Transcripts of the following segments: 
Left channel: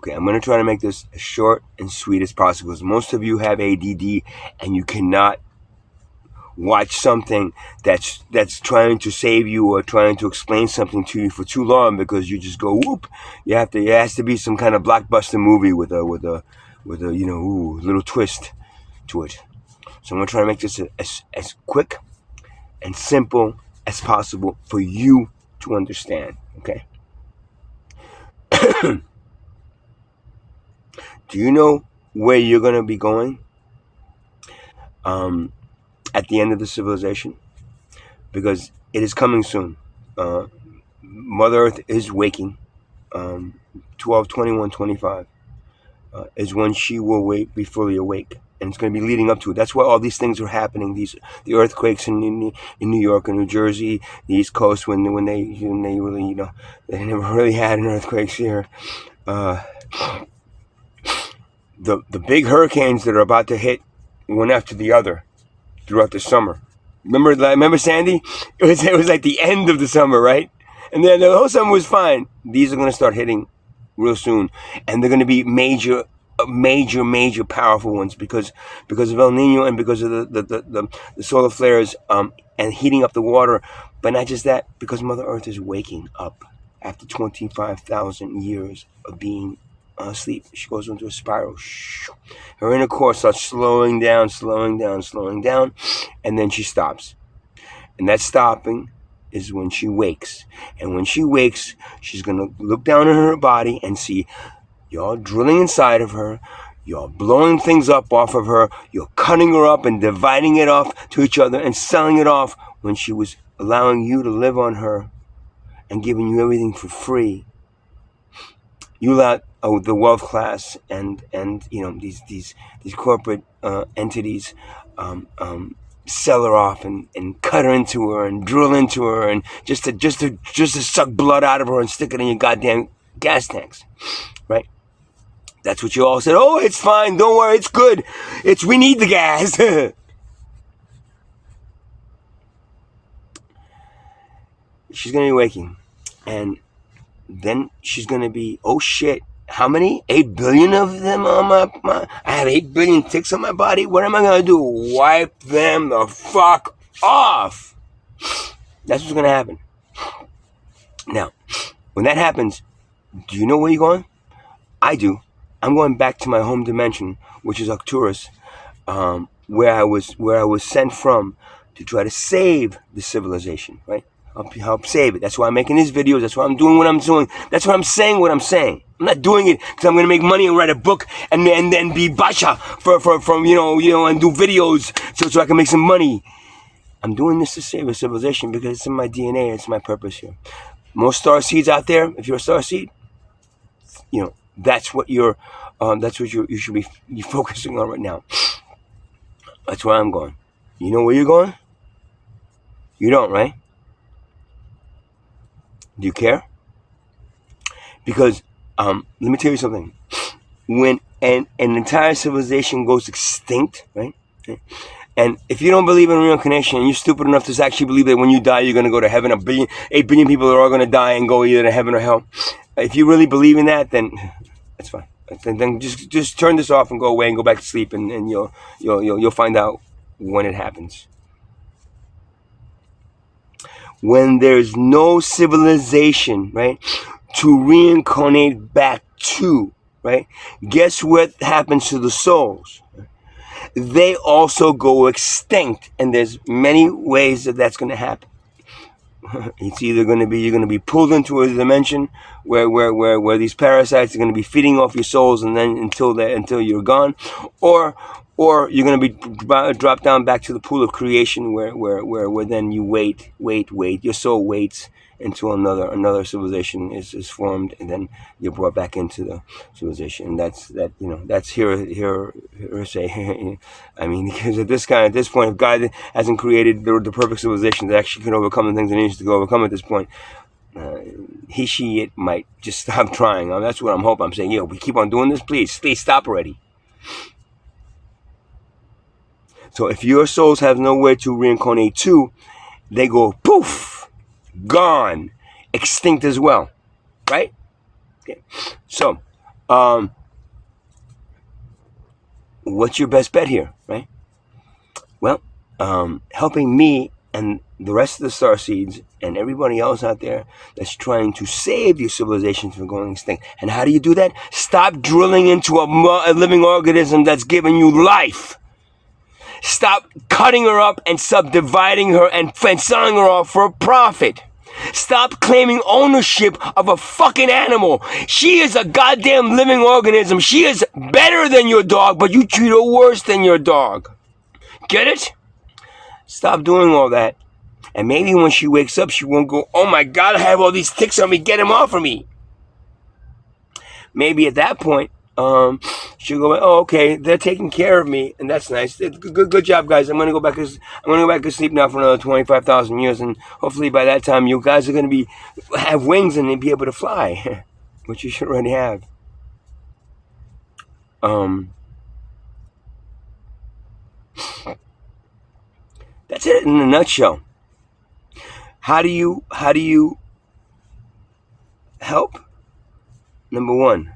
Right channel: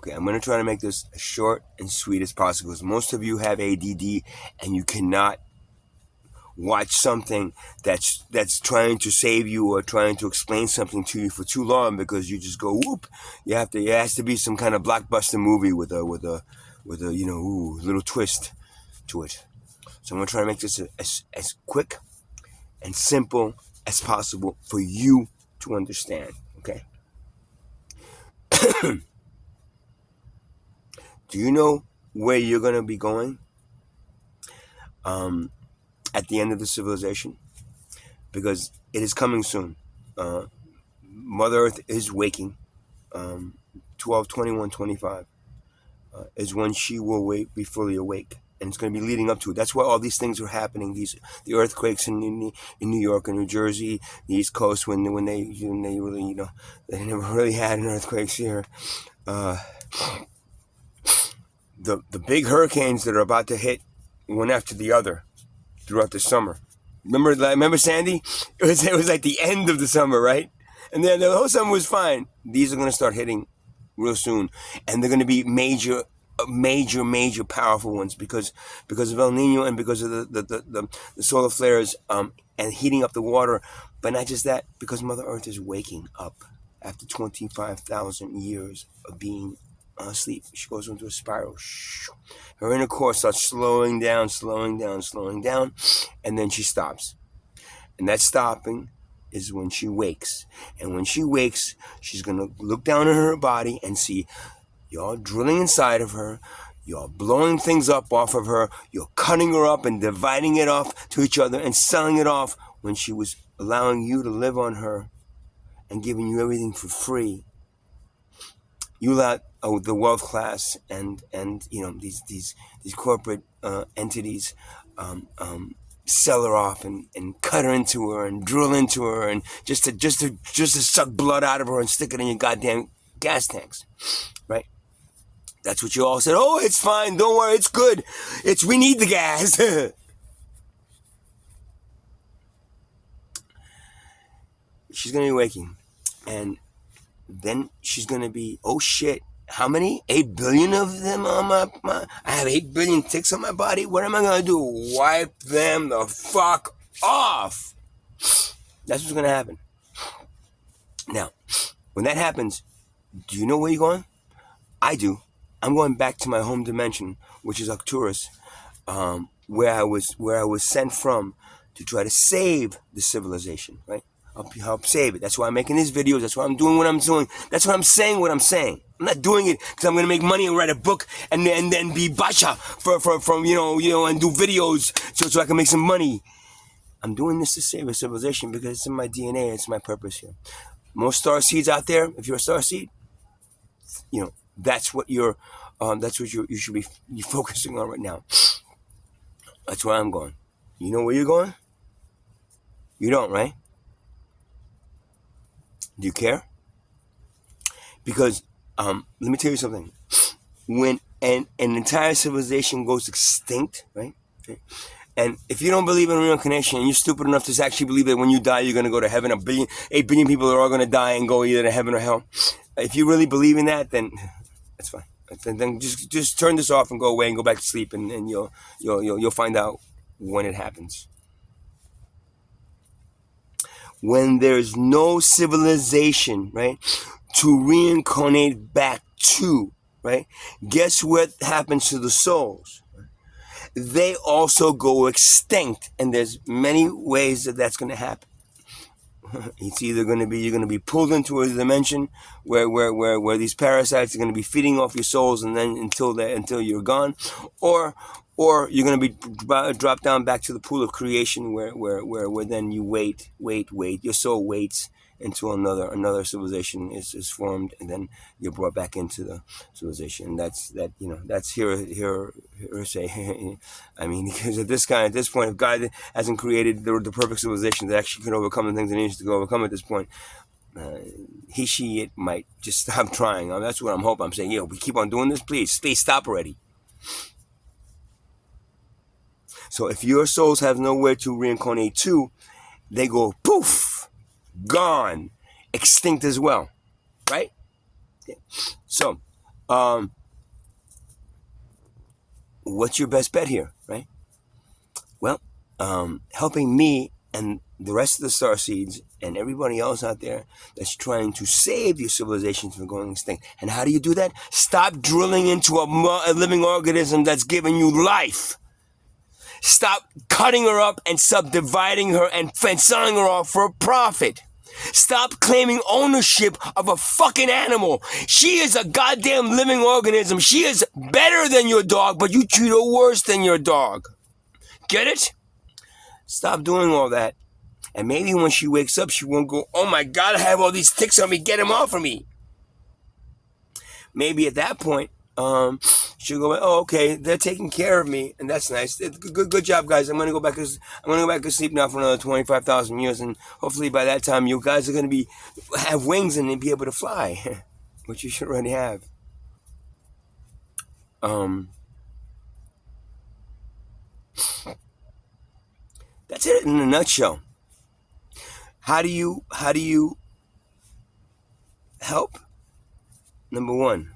Okay, I'm going to try to make this as short and sweet as possible because most of you have ADD and you cannot watch something that's trying to save you or trying to explain something to you for too long because you just go whoop. It has to be some kind of blockbuster movie with a little twist to it. So I'm gonna try to make this as quick and simple as possible for you to understand. Okay. Do you know where you're gonna be going at the end of the civilization? Because it is coming soon. Mother Earth is waking. 12/21/25 is when she will be fully awake, and it's going to be leading up to it. That's why all these things are happening. The earthquakes in New York and New Jersey, the East Coast, when they really they never really had an earthquakes here. The big hurricanes that are about to hit one after the other throughout the summer. Remember Sandy? It was like the end of the summer, right? And then the whole summer was fine. These are going to start hitting real soon, and they're going to be major, powerful ones because of El Nino and because of the solar flares and heating up the water. But not just that, because Mother Earth is waking up after 25,000 years of being asleep. She goes into a spiral. Her inner core starts slowing down, and then she stops. And that stopping is when she wakes. And when she wakes, she's going to look down on her body and see you're drilling inside of her. You're blowing things up off of her. You're cutting her up and dividing it off to each other and selling it off when she was allowing you to live on her and giving you everything for free. You let the wealth class and these corporate entities sell her off and cut her into her and drill into her and just to suck blood out of her and stick it in your goddamn gas tanks, right? That's what you all said. Oh, it's fine. Don't worry. It's good. We need the gas. She's going to be waking. And then she's going to be, oh shit, how many? 8 billion of them on my I have 8 billion ticks on my body. What am I going to do? Wipe them the fuck off. That's what's going to happen. Now, when that happens, do you know where you're going? I do. I'm going back to my home dimension, which is Arcturus, where I was sent from to try to save the civilization, right? Help save it. That's why I'm making these videos. That's why I'm doing what I'm doing. That's why I'm saying what I'm saying. I'm not doing it because I'm going to make money and write a book and then be basha from and do videos so I can make some money. I'm doing this to save a civilization because it's in my DNA. It's my purpose here. Most star seeds out there. If you're a star seed, that's what you should be focusing on right now. That's where I'm going. You know where you're going? You don't, right? Do you care? Because let me tell you something. When an entire civilization goes extinct, right? And if you don't believe in reincarnation and you're stupid enough to actually believe that when you die you're going to go to heaven, 8 billion people are all going to die and go either to heaven or hell. If you really believe in that, then that's fine. Then just turn this off and go away and go back to sleep, and you'll find out when it happens. When there's no civilization, right, to reincarnate back to, right, guess what happens to the souls? They also go extinct, and there's many ways that that's going to happen. It's either you're going to be pulled into a dimension where these parasites are going to be feeding off your souls, and then until you're gone, or you're going to be dropped down back to the pool of creation where then you wait. Your soul waits until another civilization is formed, and then you're brought back into the civilization. And that's here say. I mean, because at this point, if God hasn't created the perfect civilization that actually can overcome the things it needs to overcome at this point, it might just stop trying. That's what I'm hoping. I'm saying, we keep on doing this. Please stop already. So if your souls have nowhere to reincarnate to, they go poof, gone, extinct as well, right? Okay. So What's your best bet here, right? Well, helping me and the rest of the starseeds and everybody else out there that's trying to save your civilization from going extinct. And how do you do that? Stop drilling into a living organism that's giving you life. Stop cutting her up and subdividing her and selling her off for a profit. Stop claiming ownership of a fucking animal. She is a goddamn living organism. She is better than your dog, but you treat her worse than your dog. Get it? Stop doing all that. And maybe when she wakes up, she won't go, oh my God, I have all these ticks on me. Get them off of me. Maybe at that point, she'll go, oh, okay, they're taking care of me, and that's nice. Good job, guys. I'm gonna go back to sleep now for another 25,000 years, and hopefully by that time, you guys are gonna have wings and be able to fly, which you should already have. That's it in a nutshell. How do you help? Number one,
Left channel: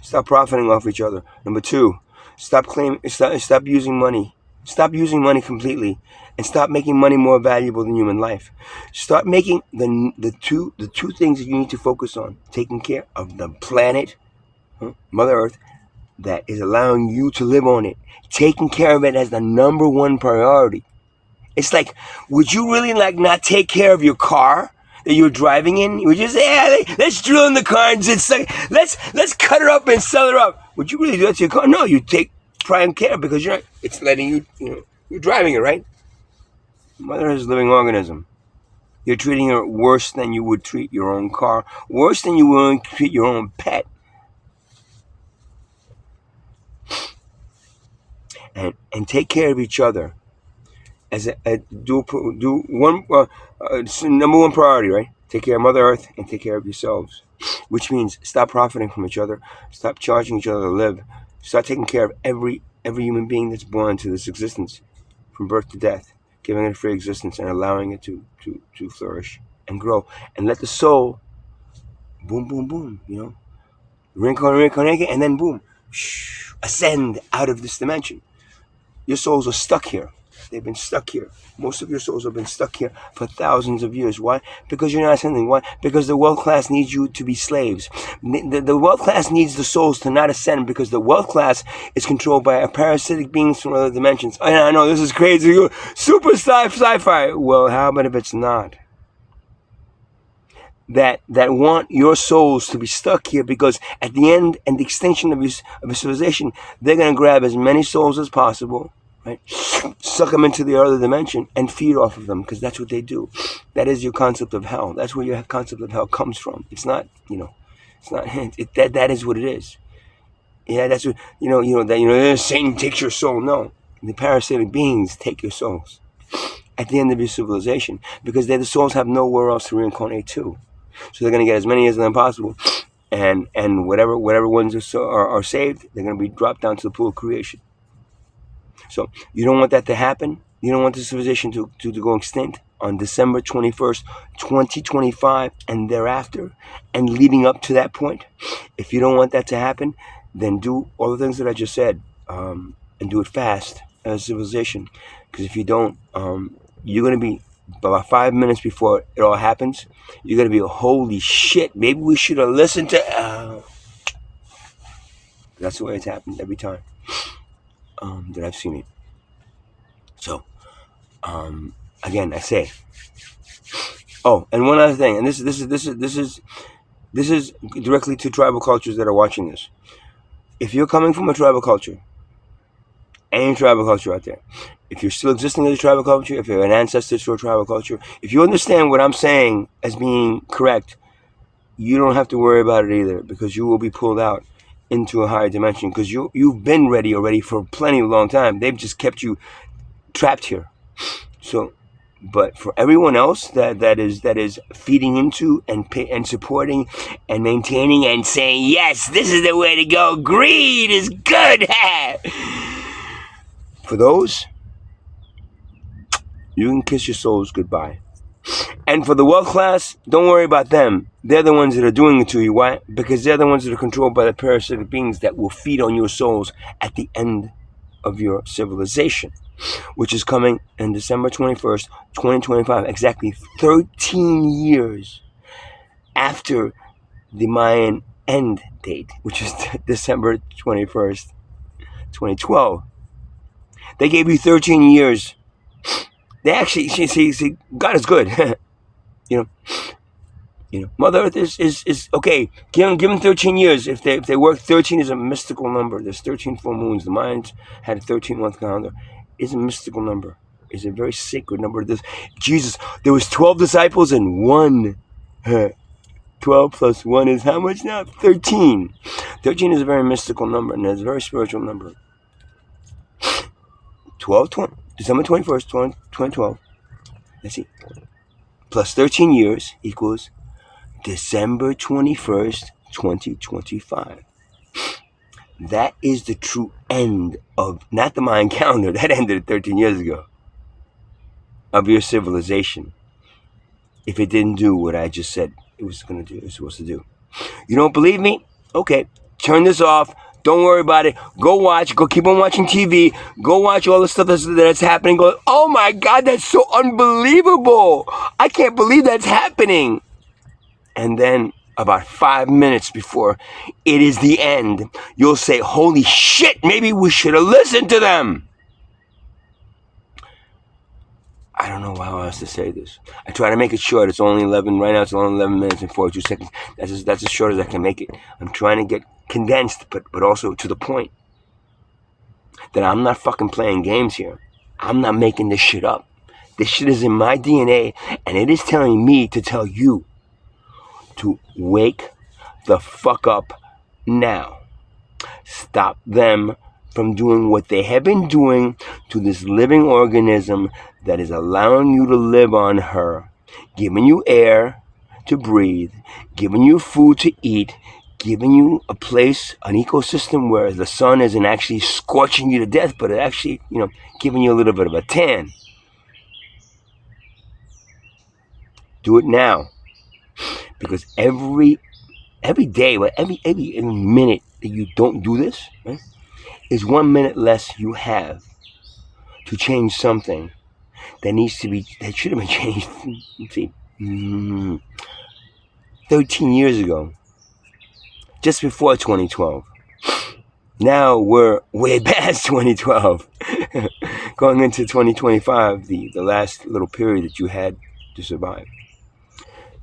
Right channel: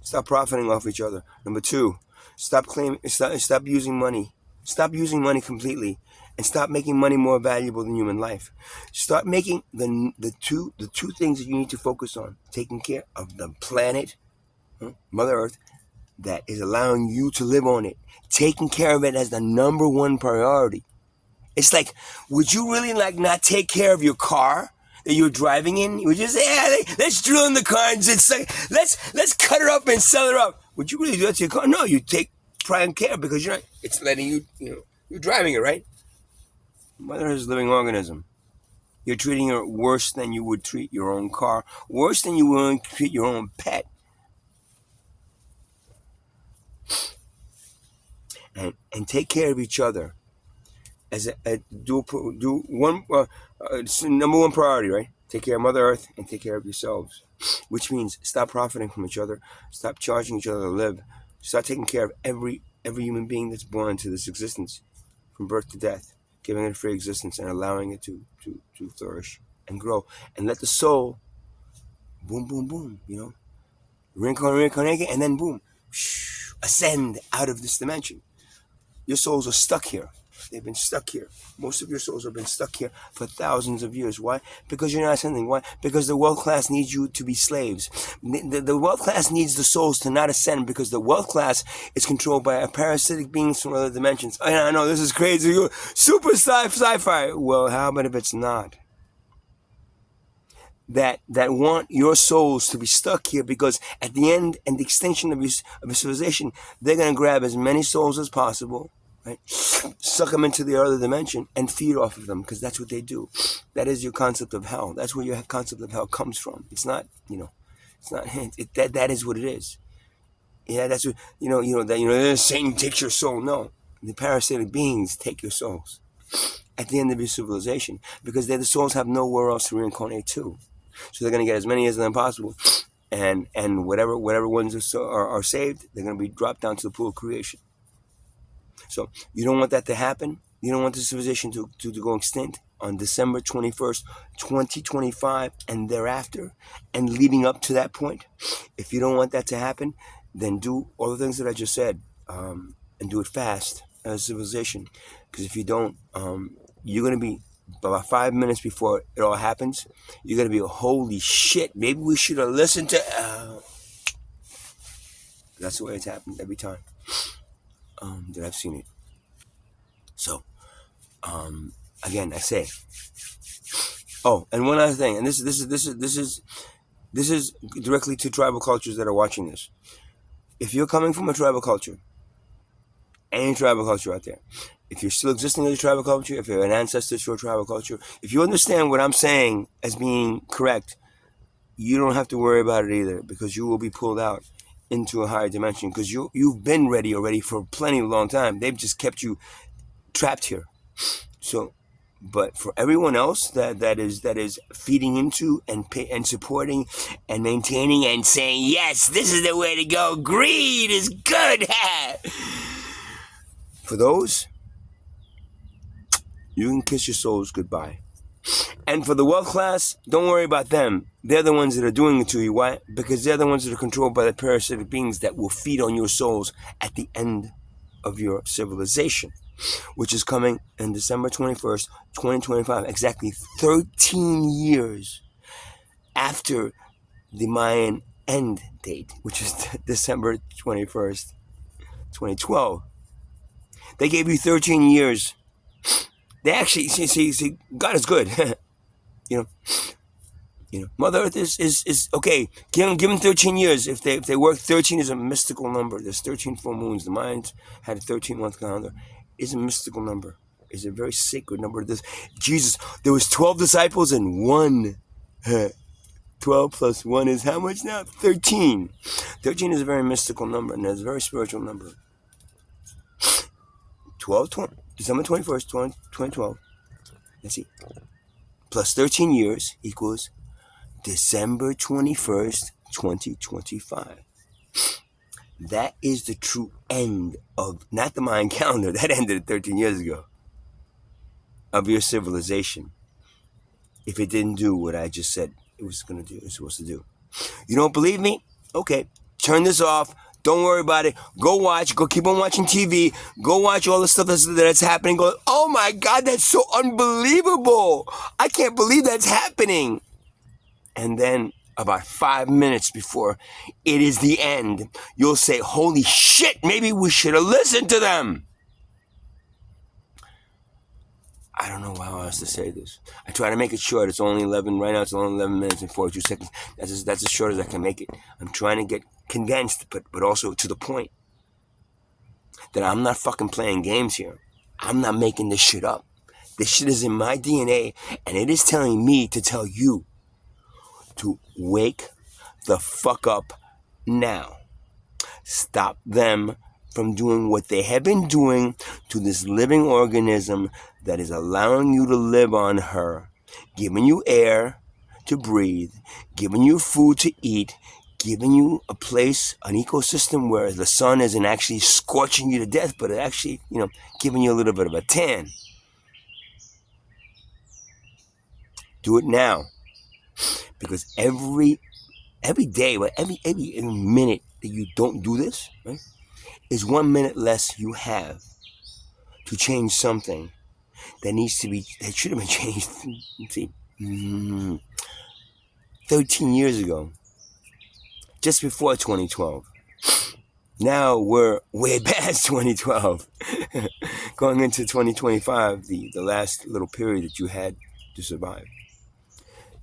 stop profiting off each other. Number two, stop using money. Stop using money completely, and stop making money more valuable than human life. Start making the two things that you need to focus on: taking care of the planet, Mother Earth, that is allowing you to live on it. Taking care of it as the number one priority. It's like, would you really not take care of your car that you're driving in? You would just say, yeah, let's drill in the car and just say, let's cut her up and sell her up. Would you really do that to your car? No, you take prime care because it's letting you're driving it, right? Mother is a living organism. You're treating her worse than you would treat your own car, worse than you would treat your own pet. And take care of each other. As number one priority, right? Take care of Mother Earth and take care of yourselves, which means stop profiting from each other, stop charging each other to live, start taking care of every human being that's born into this existence, from birth to death, giving it a free existence and allowing it to flourish and grow, and let the soul, boom, boom, boom, reincarnate, and then boom, ascend out of this dimension. Your souls are stuck here. They've been stuck here. Most of your souls have been stuck here for thousands of years. Why? Because you're not ascending. Why? Because the wealth class needs you to be slaves. The wealth class needs the souls to not ascend because the wealth class is controlled by parasitic beings from other dimensions. I know this is crazy. Super sci-fi. Well, how about if it's not? That want your souls to be stuck here because at the end and the extinction of your civilization, they're going to grab as many souls as possible, right? Suck them into the other dimension and feed off of them because that's what they do. That is your concept of hell. That's where your concept of hell comes from. It's not, it's not that is what it is. Yeah, that's what Satan takes your soul. No, the parasitic beings take your souls at the end of your civilization because the souls have nowhere else to reincarnate to. So they're going to get as many as them possible, and whatever ones are saved, they're going to be dropped down to the pool of creation. So you don't want that to happen. You don't want the civilization to go extinct on December 21st, 2025, and thereafter, and leading up to that point. If you don't want that to happen, then do all the things that I just said, and do it fast as a civilization. Because if you don't, you're going to be, about 5 minutes before it all happens, you're going to be, holy shit, maybe we should have listened to... That's the way it's happened every time that I've seen it. So, again, I say... Oh, and one other thing, and this is directly to tribal cultures that are watching this. If you're coming from a tribal culture, any tribal culture out there, if you're still existing as a tribal culture, if you're an ancestor to a tribal culture, if you understand what I'm saying as being correct, you don't have to worry about it either because you will be pulled out into a higher dimension because you've been ready already for plenty of long time. They've just kept you trapped here. So, but for everyone else that is feeding into and supporting and maintaining and saying, yes, this is the way to go. Greed is good. For those, you can kiss your souls goodbye. And for the wealth class, don't worry about them. They're the ones that are doing it to you. Why? Because they're the ones that are controlled by the parasitic beings that will feed on your souls at the end of your civilization, which is coming in December 21st, 2025, exactly 13 years after the Mayan end date, which is December 21st, 2012. They gave you 13 years. They actually, see, God is good. you know, Mother Earth is okay. Give them 13 years. If they work, 13 is a mystical number. There's 13 full moons. The Mayans had a 13-month calendar. It's a mystical number. It's a very sacred number. Jesus, there was 12 disciples and one. 12 plus 1 is how much now? 13. 13 is a very mystical number, and it's a very spiritual number. 20, December 21st, 2012. Let's see. Plus 13 years equals December 21st, 2025. That is the true end of, not the Mayan calendar, that ended 13 years ago, of your civilization. If it didn't do what I just said it was supposed to do. You don't believe me? Okay, turn this off. Don't worry about it. Go watch. Go keep on watching TV. Go watch all the stuff that's happening. Go, oh my God, that's so unbelievable. I can't believe that's happening. And then about 5 minutes before it is the end, you'll say, holy shit, maybe we should have listened to them. I don't know how else to say this. I try to make it short. It's only 11. Right now it's only 11 minutes and 42 seconds. That's as short as I can make it. I'm trying to get condensed, but also to the point. That I'm not fucking playing games here. I'm not making this shit up. This shit is in my DNA, and it is telling me to tell you to wake the fuck up now. Stop them from doing what they have been doing to this living organism that is allowing you to live on her, giving you air to breathe, giving you food to eat, giving you a place, an ecosystem where the sun isn't actually scorching you to death, but it actually, giving you a little bit of a tan. Do it now. Because every day, every minute that you don't do this, right, is 1 minute less you have to change something that should have been changed, let's see, 13 years ago, just before 2012. Now we're way past 2012, going into 2025, the last little period that you had to survive.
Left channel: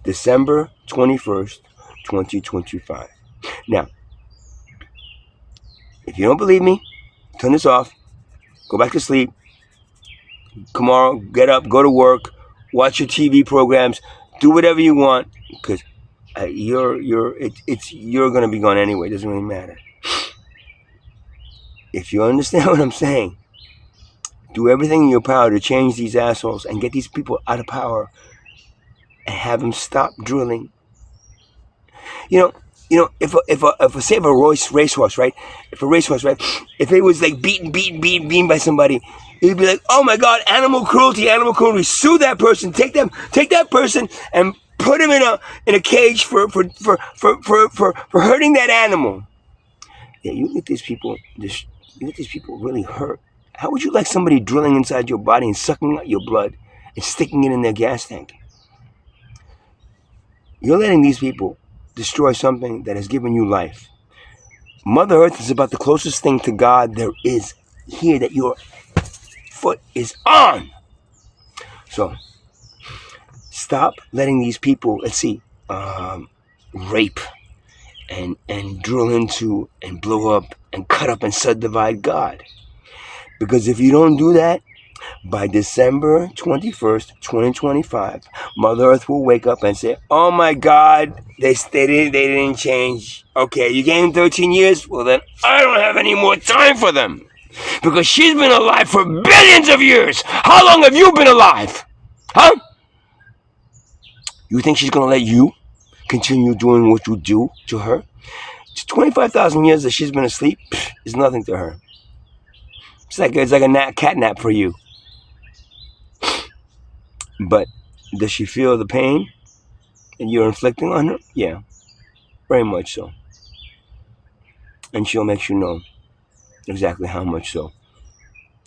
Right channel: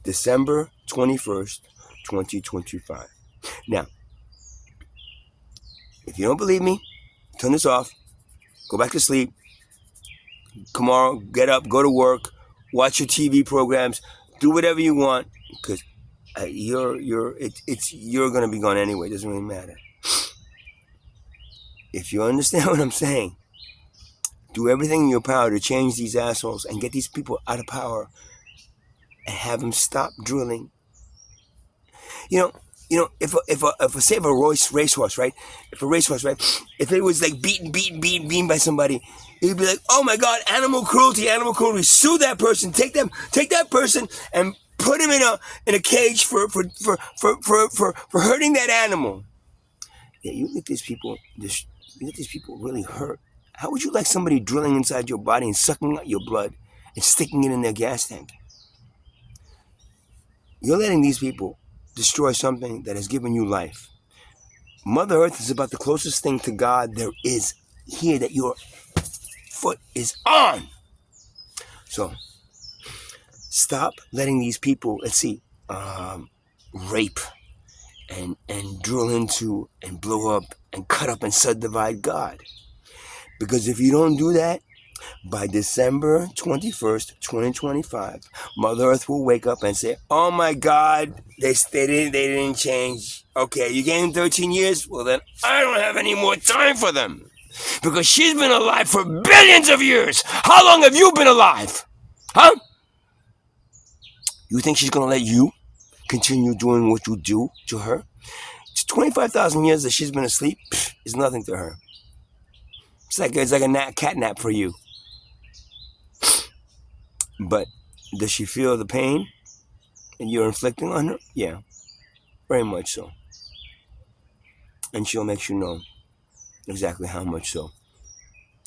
December 21st, 2025. Now, if you don't believe me, turn this off, go back to sleep. Tomorrow, get up, go to work, watch your TV programs, do whatever you want, because you're gonna be gone anyway. It doesn't really matter. If you understand what I'm saying, do everything in your power to change these assholes and get these people out of power and have them stop drilling. If a racehorse, right? If it was like beaten by somebody, it'd be like, oh my God, animal cruelty. Sue that person. Take that person and put him in a cage for hurting that animal. Yeah, you let these people really hurt. How would you like somebody drilling inside your body and sucking out your blood and sticking it in their gas tank? You're letting these people destroy something that has given you life. Mother Earth is about the closest thing to God there is here that your foot is on. So, stop letting these people, rape and drill into and blow up and cut up and subdivide God. Because if you don't do that, by December 21st, 2025, Mother Earth will wake up and say, oh my God, they didn't change. Okay, you gave them 13 years? Well then, I don't have any more time for them. Because she's been alive for billions of years. How long have you been alive? Huh? You think she's going to let you continue doing what you do to her? It's 25,000 years that she's been asleep. It's nothing to her. It's like a cat nap for you. But Does she feel the pain that you're inflicting on her? Yeah, very much so. And she'll make you know exactly how much so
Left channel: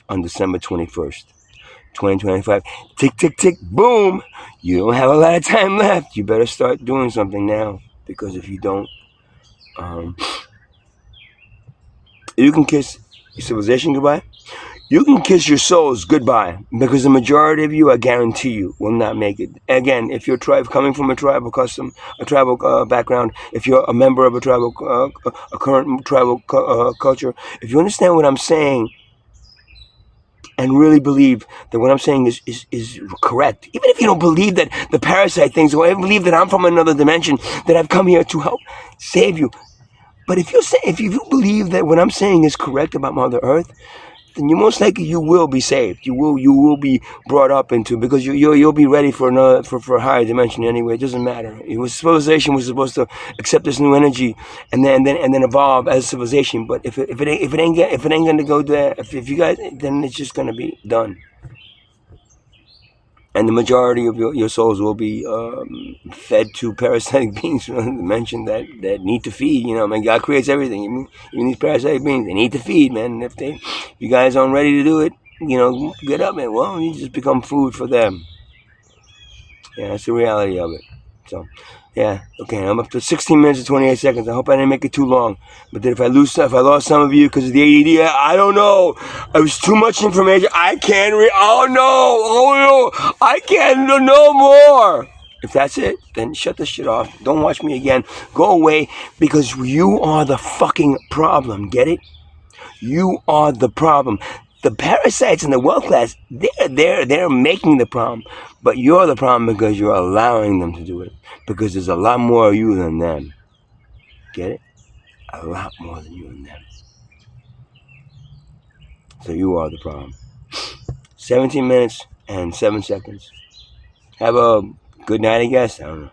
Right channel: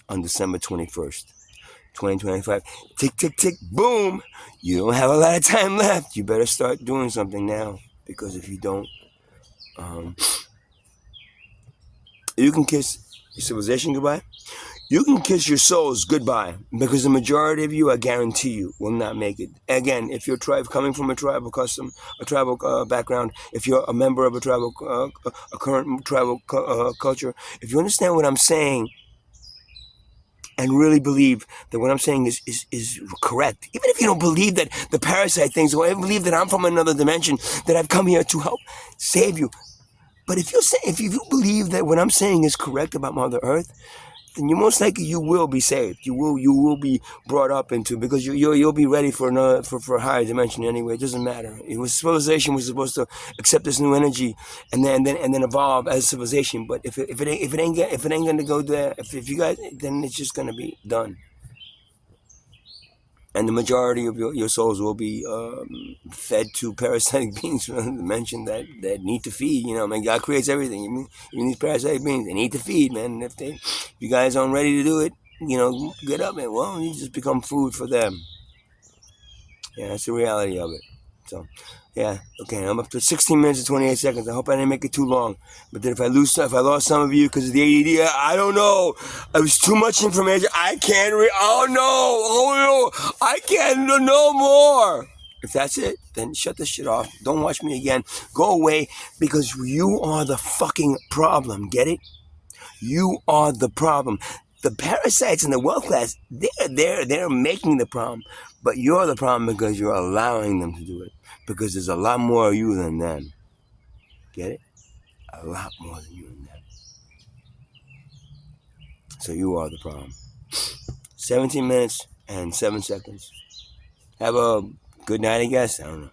on December 21st, 2025. Tick, tick, tick, boom! You don't have a lot of time left. You better start doing something now, because if you don't, you can kiss your civilization goodbye. You can kiss your souls goodbye, because the majority of you, I guarantee you, will not make it. Again, if you're coming from a tribal custom, a tribal background, if you're a member of a tribal, a current tribal culture, if you understand what I'm saying and really believe that what I'm saying is correct, even if you don't believe that the parasite things, or I believe that I'm from another dimension, that I've come here to help save you. But if you believe that what I'm saying is correct about Mother Earth, then you most likely you will be saved. You will be brought up into, because you'll be ready for another for a higher dimension anyway. It doesn't matter. Civilization was supposed to accept this new energy and then evolve as civilization. But if it ain't gonna go there, if you guys, then it's just gonna be done. And the majority of your souls will be fed to parasitic beings mentioned that need to feed. You know, man, God creates everything. Even these parasitic beings, they need to feed, man. And if you guys aren't ready to do it, you know, get up, man. Well, you just become food for them. Yeah, that's the reality of it. So, yeah, okay, I'm up to 16 minutes and 28 seconds. I hope I didn't make it too long. But then if I lost some of you because of the ADD, I don't know. It was too much information. I can't oh no, I can't no more. If that's it, then shut this shit off. Don't watch me again. Go away, because you are the fucking problem. Get it? You are the problem. The parasites in the world class, they're making the problem, but you're the problem because you're allowing them to do it. Because there's a lot more of you than them. Get it? A lot more than you and them. So you are the problem. 17 minutes and 7 seconds. Have a good night, I guess. I don't know.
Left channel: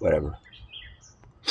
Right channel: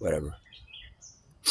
Whatever.